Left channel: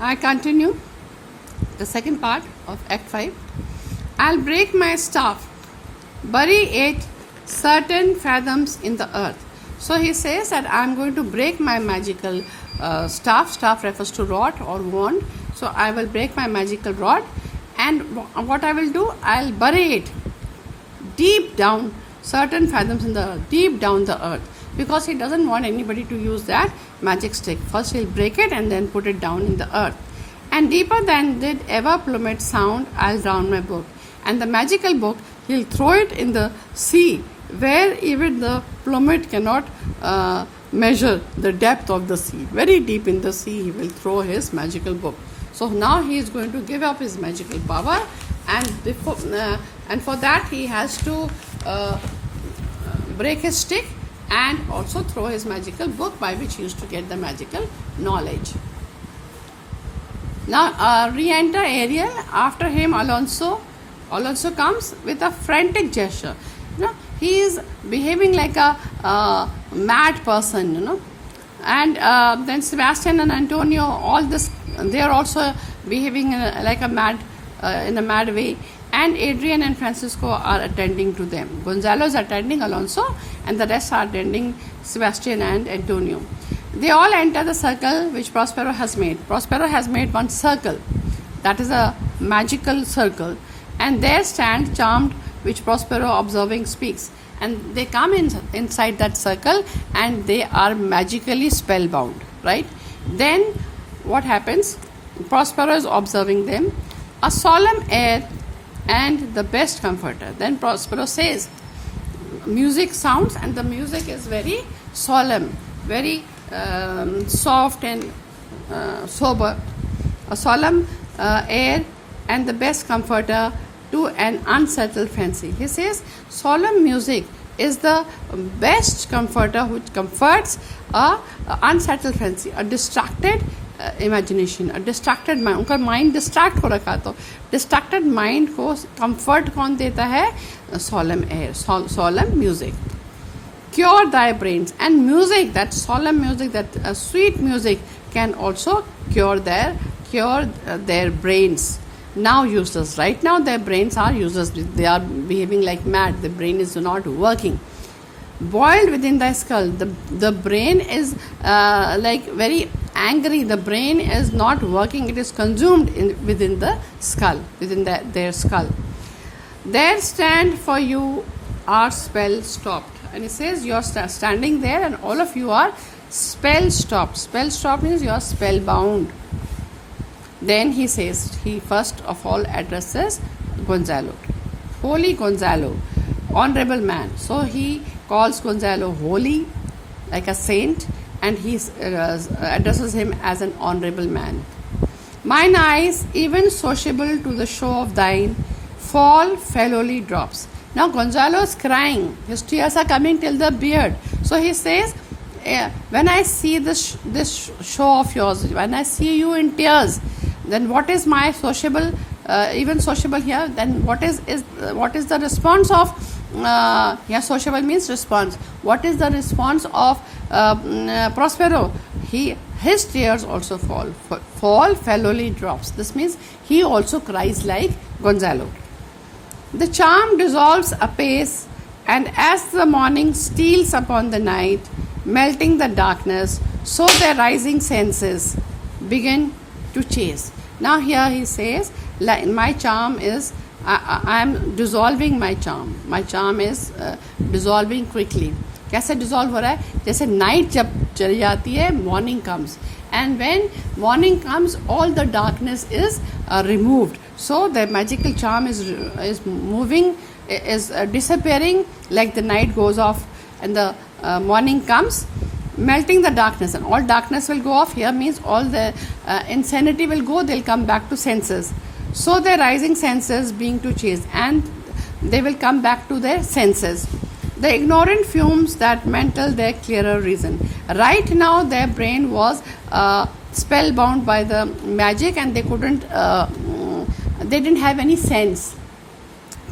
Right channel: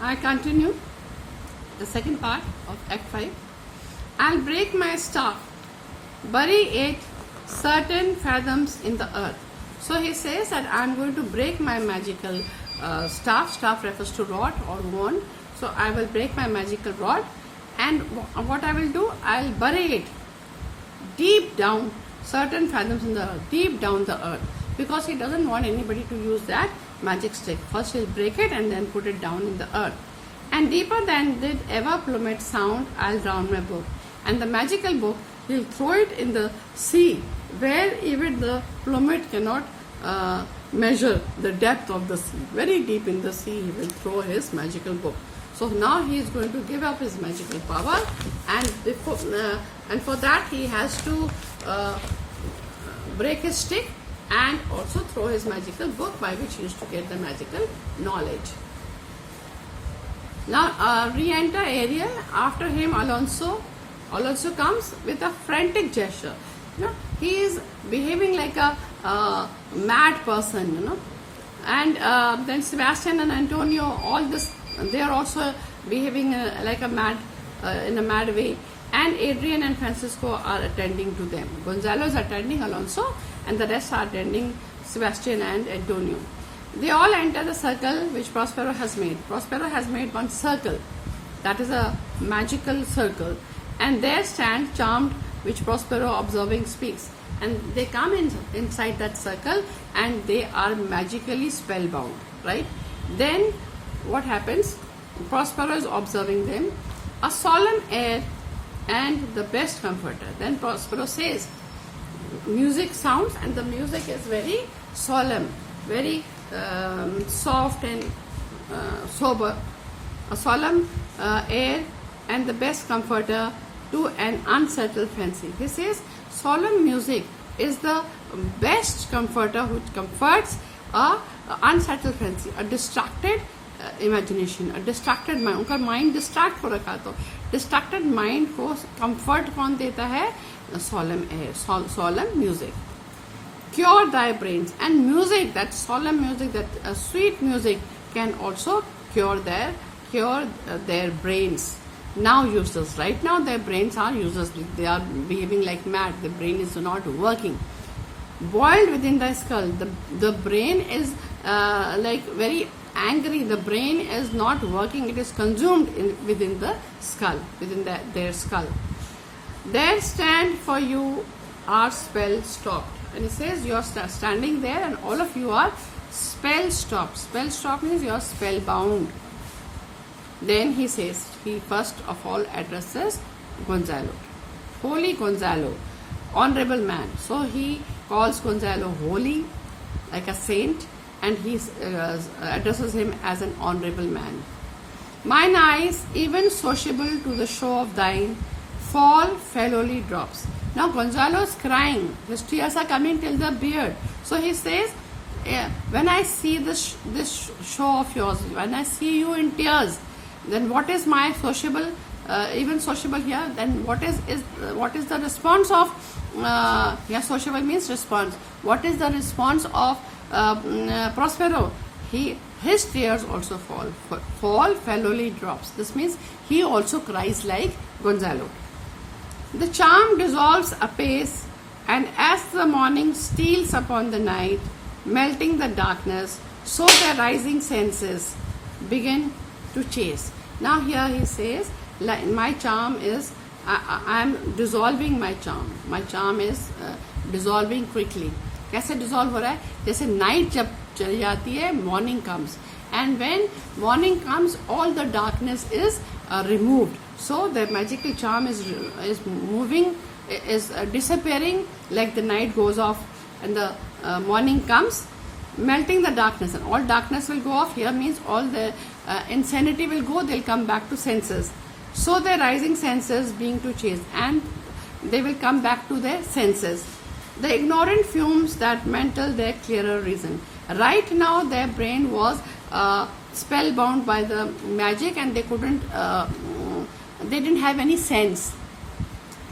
I continue the second part of Act 5. I'll break my staff, bury it certain fathoms in the earth. So he says that I'm going to break my magical staff. Staff refers to rod or wand. So I will break my magical rod, and what I will do, I'll bury it deep down, certain fathoms in the earth, deep down the earth, because he doesn't want anybody to use that magic stick. First he'll break it and then put it down in the earth. And deeper than did ever plummet sound, I'll drown my book. And the magical book, he'll throw it in the sea, where even the plummet cannot measure the depth of the sea. Very deep in the sea, he will throw his magical book. So now he is going to give up his magical power, and for that he has to break his stick and also throw his magical book, by which he used to get the magical knowledge. Now re-enter Ariel. After him Alonso. Alonso comes with a frantic gesture. He is behaving like a mad person, And then Sebastian and Antonio, all this, they are also behaving like a mad, in a mad way. And Adrian and Francisco are attending to them. Gonzalo is attending Alonso, and the rest are attending Sebastian and Antonio. They all enter the circle which Prospero has made. Prospero has made one circle, that is a magical circle, and there stands Charmed, which Prospero observing speaks. And they come inside that circle, and they are magically spellbound, right? Then what happens? Prospero is observing them. A solemn air and the best comforter. Then Prospero says, music sounds, and the music is very solemn, very soft and sober. A solemn air and the best comforter to an unsettled fancy. He says solemn music is the best comforter which comforts a unsettled fancy, a distracted imagination, a distracted mind. उनका mind distract हो रखा, तो distracted mind को comfort कौन देता है? Solemn air, solemn music. Cure thy brains. And music, that solemn music, that sweet music, can also cure their brains. Now useless. Right now their brains are useless. They are behaving like mad. The brain is not working. Boiled within thy skull. The brain is like very angry. The brain is not working. It is consumed within the skull, within their skull. There stand for you are spell stopped. And he says you are standing there, and all of you are spell stopped. Spell stopped means you are spellbound. Then he says, he first of all addresses Gonzalo. Holy Gonzalo, honorable man. So he calls Gonzalo holy, like a saint, and he addresses him as an honorable man. Mine eyes, even sociable to the show of thine, fall fellowly drops. Now Gonzalo is crying. His tears are coming till the beard. So he says, when I see this show of yours, when I see you in tears, then what is my sociable, even sociable here? Then what is the response of? Sociable means response. What is the response of Prospero? His tears also fall fellowly drops. This means he also cries like Gonzalo. The charm dissolves apace, and as the morning steals upon the night, melting the darkness, so their rising senses begin to chase. Now here he says, my charm is, I am dissolving my charm. My charm is dissolving quickly. कैसे dissolve हो रहा है? जैसे night जब चली जाती है, morning comes. And when morning comes, all the darkness is removed. So the magical charm is moving, is disappearing, like the night goes off and the morning comes, melting the darkness, and all darkness will go off. Here means all the insanity will go, they'll come back to senses. So their rising senses being to chase, and they will come back to their senses. The ignorant fumes that mental their clearer reason. Right now their brain was spellbound by the magic, and they didn't have any sense.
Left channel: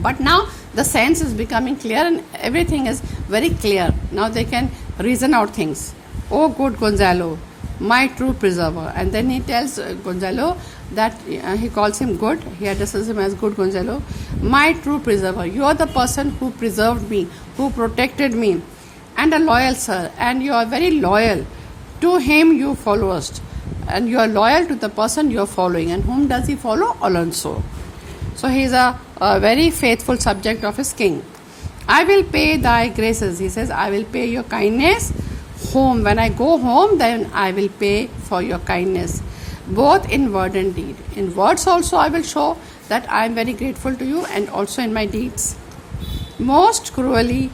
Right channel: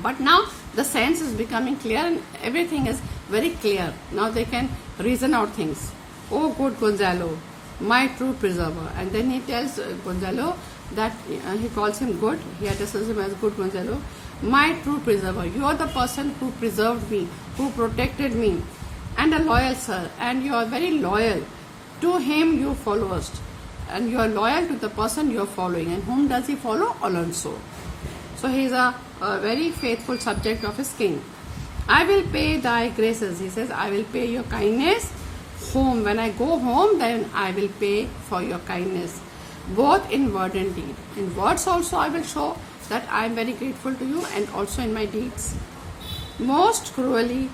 But now the sense is becoming clear, and everything is very clear. Now they can reason out things. Oh good Gonzalo, my true preserver. And then he tells Gonzalo that he calls him good. He addresses him as good Gonzalo. My true preserver. You are the person who preserved me, who protected me, and a loyal sir. And you are very loyal. To him you followest. And you are loyal to the person you are following. And whom does he follow? Alonso. So he is a very faithful subject of his king. I will pay thy graces. He says, I will pay your kindness home. When I go home, then I will pay for your kindness, both in word and deed. In words also I will show that I am very grateful to you, and also in my deeds. Most cruelly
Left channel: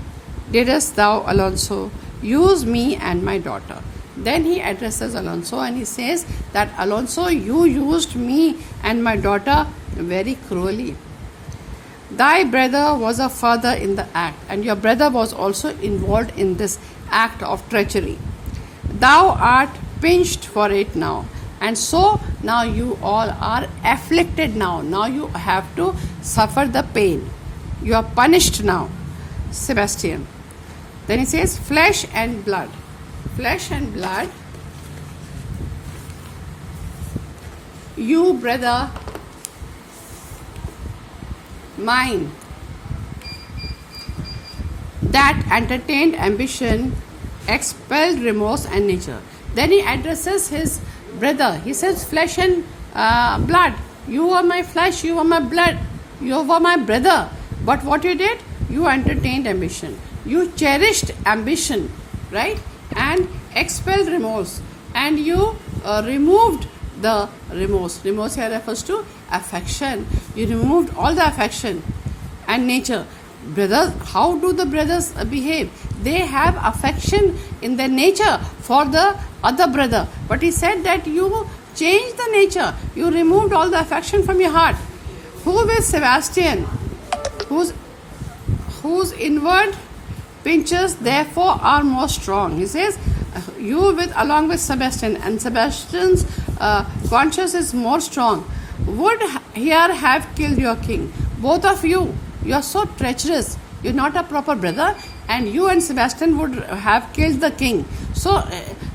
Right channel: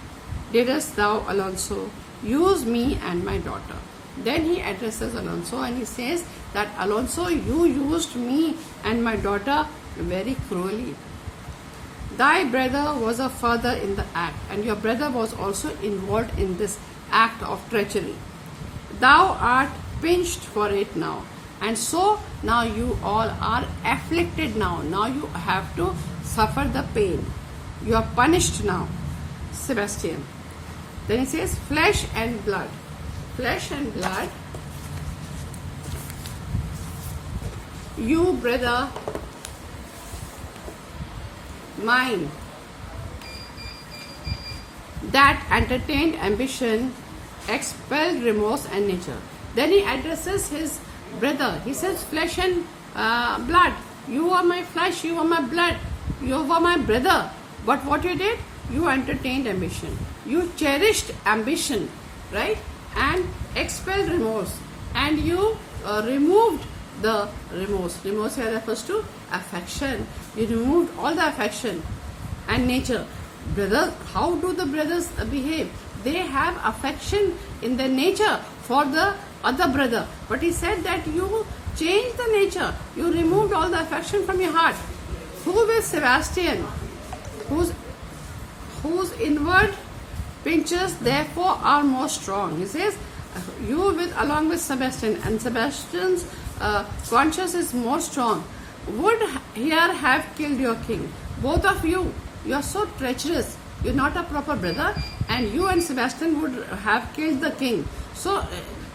didst thou, Alonso, use me and my daughter. Then he addresses Alonso and he says that, Alonso, you used me and my daughter very cruelly. Thy brother was a father in the act, and your brother was also involved in this act of treachery. Thou art pinched for it now, and so now you all are afflicted now. Now you have to suffer the pain. You are punished now, Sebastian. Then he says, flesh and blood. Flesh and blood. You, brother mine, that entertained ambition, expelled remorse and nature. Then he addresses his brother. He says, flesh and blood. You are my flesh, you are my blood, you are my brother. But what you did? You entertained ambition. You cherished ambition, right? And expelled remorse. And you removed the remorse. Remorse here refers to affection. You removed all the affection and nature. Brothers, how do the brothers behave? They have affection in their nature for the other brother. But he said that you changed the nature. You removed all the affection from your heart. Who is Sebastian? Whose inward pinches therefore are more strong. He says, you along with Sebastian, and Sebastian's conscience is more strong, would here have killed your king. Both of you are so treacherous. You're not a proper brother, and you and Sebastian would have killed the king. So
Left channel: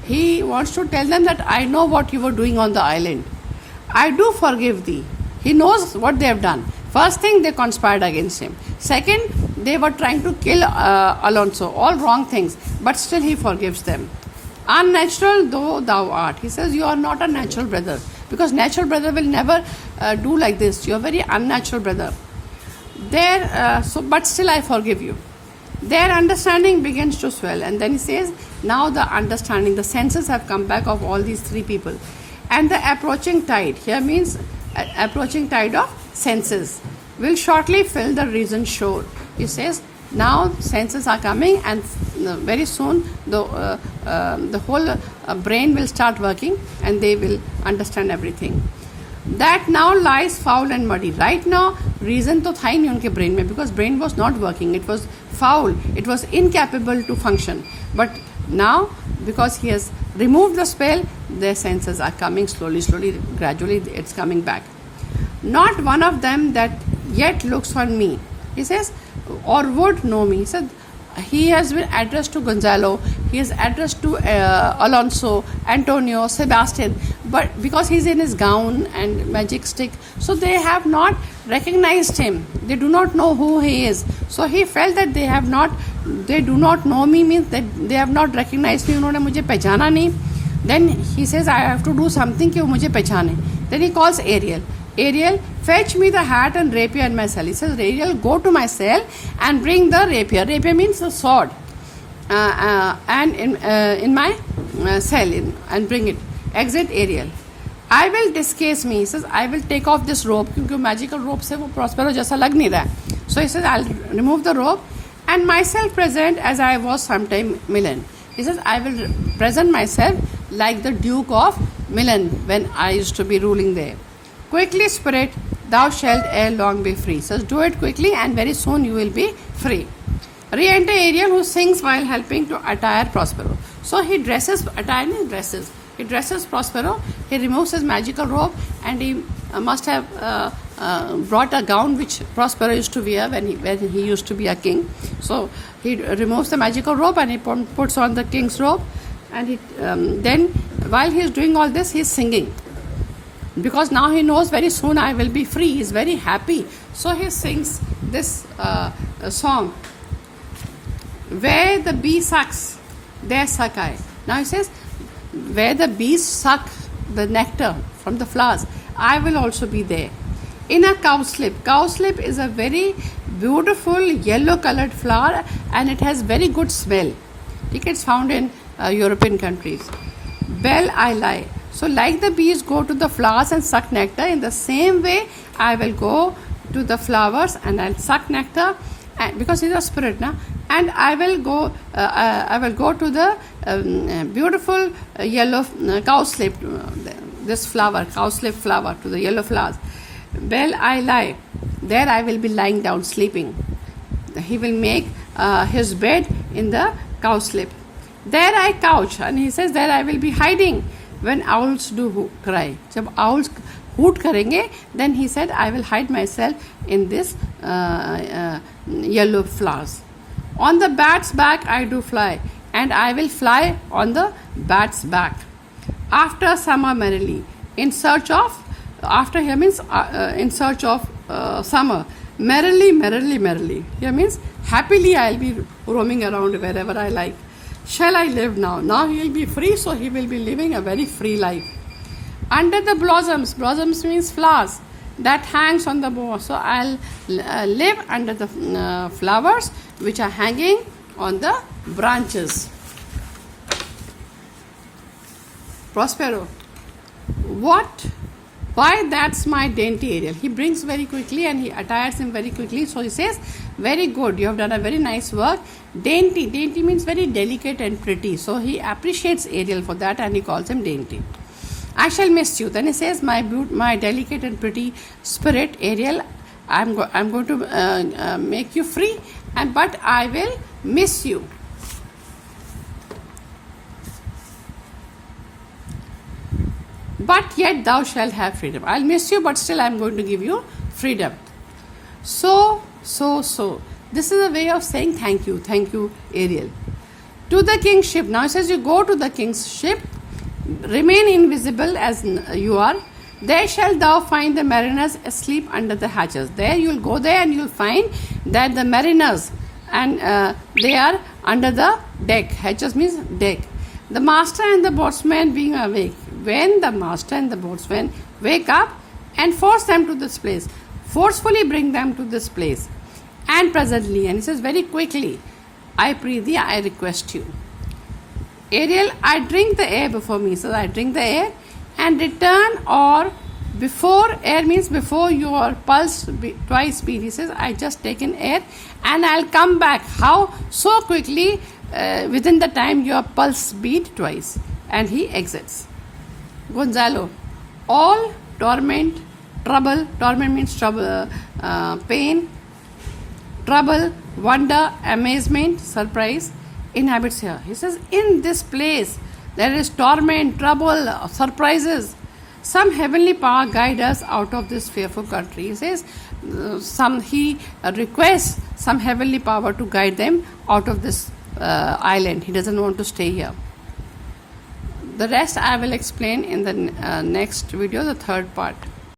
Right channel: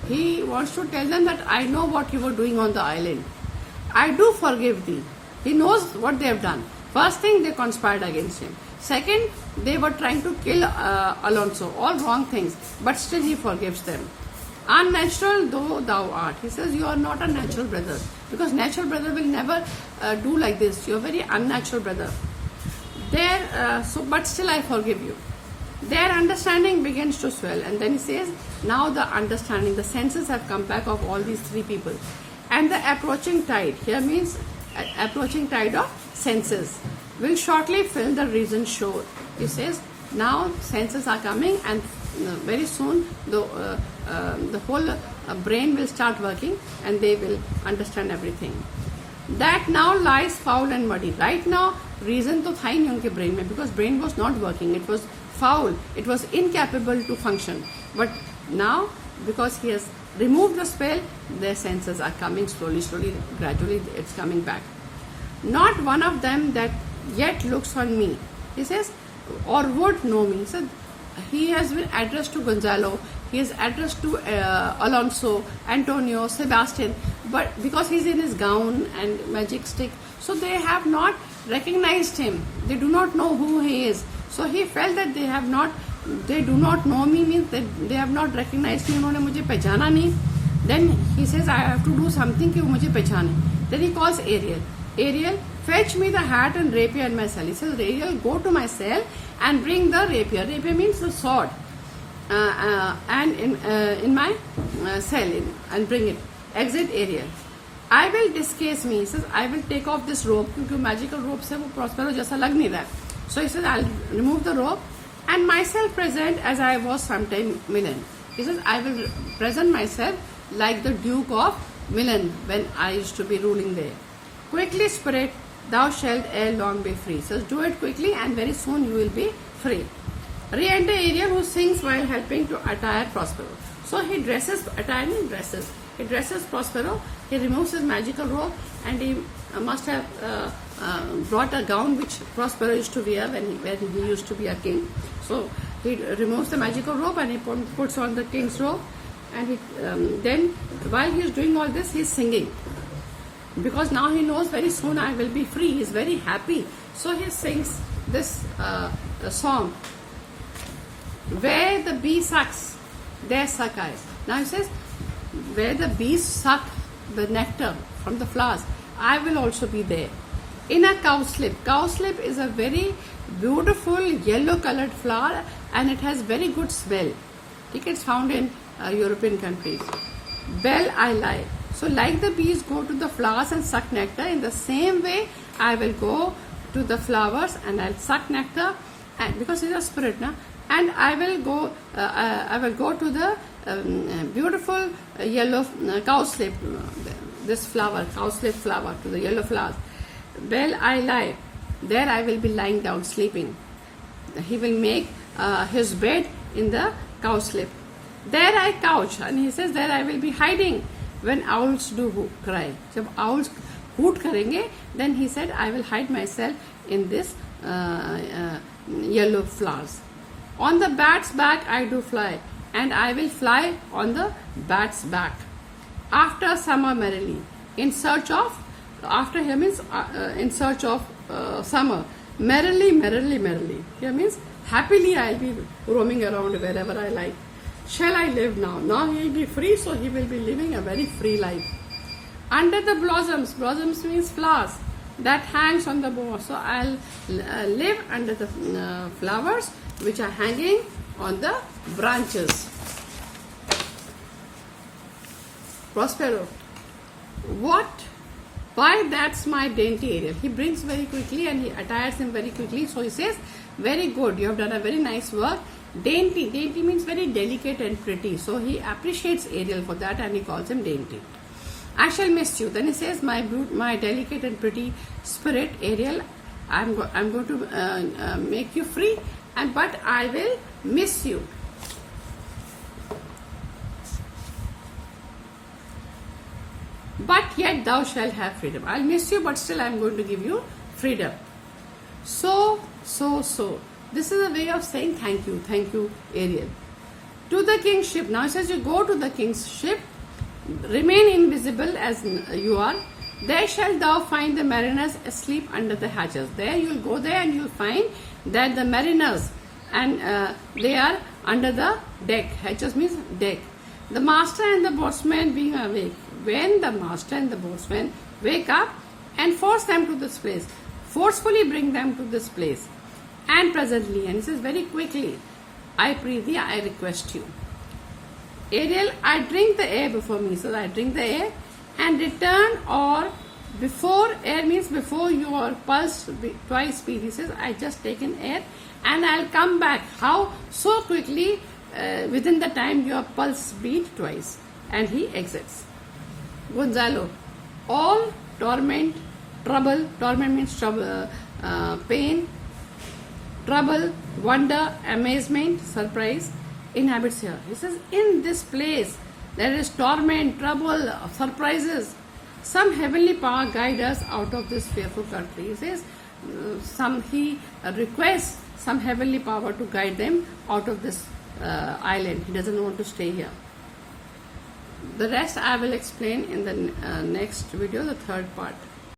he wants to tell them that I know what you were doing on the island. I do forgive thee. He knows what they have done. First thing, they conspired against him. Second, they were trying to kill Alonso. All wrong things. But still he forgives them. Unnatural though thou art. He says, you are not a natural brother. Because natural brother will never do like this. You are very unnatural brother. But still I forgive you. Their understanding begins to swell. And then he says, now the understanding, the senses have come back of all these three people. And the approaching tide, here means approaching tide of senses, will shortly fill the reason shore. He says, now senses are coming, and very soon the whole brain will start working, and they will understand everything. That now lies foul and muddy. Right now, reason तो था ही नहीं उनके brain में, because brain was not working. It was foul. It was incapable to function. But now, because he has removed the spell, their senses are coming slowly, gradually. It's coming back. Not one of them that yet looks on me, he says, or would know me. He said, he has been addressed to Gonzalo, he is addressed to Alonso, Antonio, Sebastian, but because he's in his gown and magic stick, so they have not recognized him. They do not know who he is. So he felt that they do not know me, means that they have not recognized me. उन्होंने मुझे पहचाना नहीं. Then he says, I have to do something कि वो मुझे पहचाने. Then he calls Ariel. Ariel, fetch me the hat and rapier in my cell. He says, Ariel, go to my cell and bring the rapier. Rapier means a sword. And in my cell, and bring it. Exit Ariel. I will discase me. He says, I will take off this robe. क्योंकि magical robe से वो Prospero जैसा लग नहीं रहा है. So he says, I'll remove the robe and myself present as I was sometime Milan. He says, I will present myself like the Duke of Milan when I used to be ruling there. Quickly, spirit, thou shalt ere long be free. So do it quickly, and very soon you will be free. Re-enter Ariel, who sings while helping to attire Prospero. So he dresses Prospero. He removes his magical robe, and he must have brought a gown which Prospero used to wear when he used to be a king. So he removes the magical robe and he puts on the king's robe, and then while he is doing all this, he is singing. Because now he knows very soon I will be free. He is very happy. So he sings this song. Where the bee sucks, there suck I. Now he says, where the bees suck the nectar from the flowers, I will also be there. In a cowslip. Cowslip is a very beautiful yellow colored flower and it has very good smell. It's found in European countries. Bell I lie. So like the bees go to the flowers and suck nectar, in the same way I will go to the flowers and I'll suck nectar, and because he's a spirit now, and I will go to the beautiful yellow cowslip, this flower, cowslip flower, to the yellow flowers. Well, I lie. There I will be lying down, sleeping. He will make his bed in the cowslip. There I couch, and he says, there I will be hiding when owls do cry. Jab owls hoot karenge, then he said, I will hide myself in this yellow flowers. On the bat's back I do fly, and I will fly on the bat's back. After summer merrily, in search of, after here means in search of summer. Merrily, merrily, merrily. Here means happily I will be roaming around wherever I like. Shall I live now? Now he will be free, so he will be living a very free life. Under the blossoms, blossoms means flowers, that hangs on the bough. So I'll live under the flowers which are hanging on the branches. Prospero. What? Why, that's my dainty Ariel. He brings very quickly and he attires him very quickly. So he says, very good, you have done a very nice work. Dainty. Dainty means very delicate and pretty. So he appreciates Ariel for that and he calls him dainty. I shall miss you. Then he says, my delicate and pretty spirit, Ariel, I'm going to make you free, but I will miss you. But yet thou shalt have freedom. I'll miss you, but still I'm going to give you freedom. So. This is a way of saying thank you, Ariel. To the king's ship. Now it says you go to the king's ship, remain invisible as you are. There shalt thou find the mariners asleep under the hatches. There you'll go there and you'll find that the mariners, and they are under the deck. Hatches means deck. The master and the boatswain being awake. When the master and the boatswain wake up and force them to this place, forcefully bring them to this place, and presently, and he says very quickly, I pray thee, I request you. Ariel, I drink the air before me. So I drink the air and return, or before, air means before your pulse twice beat. He says, I just taken air and I'll come back. How? So quickly, within the time your pulse beat twice. And he exits. Gonzalo, all torment, trouble, torment means trouble, pain, trouble, wonder, amazement, surprise, inhabits here. He says, in this place there is torment, trouble, surprises. Some heavenly power guide us out of this fearful country. He says, he requests some heavenly power to guide them out of this island. He doesn't want to stay here. The rest I will explain in the next video, the third part.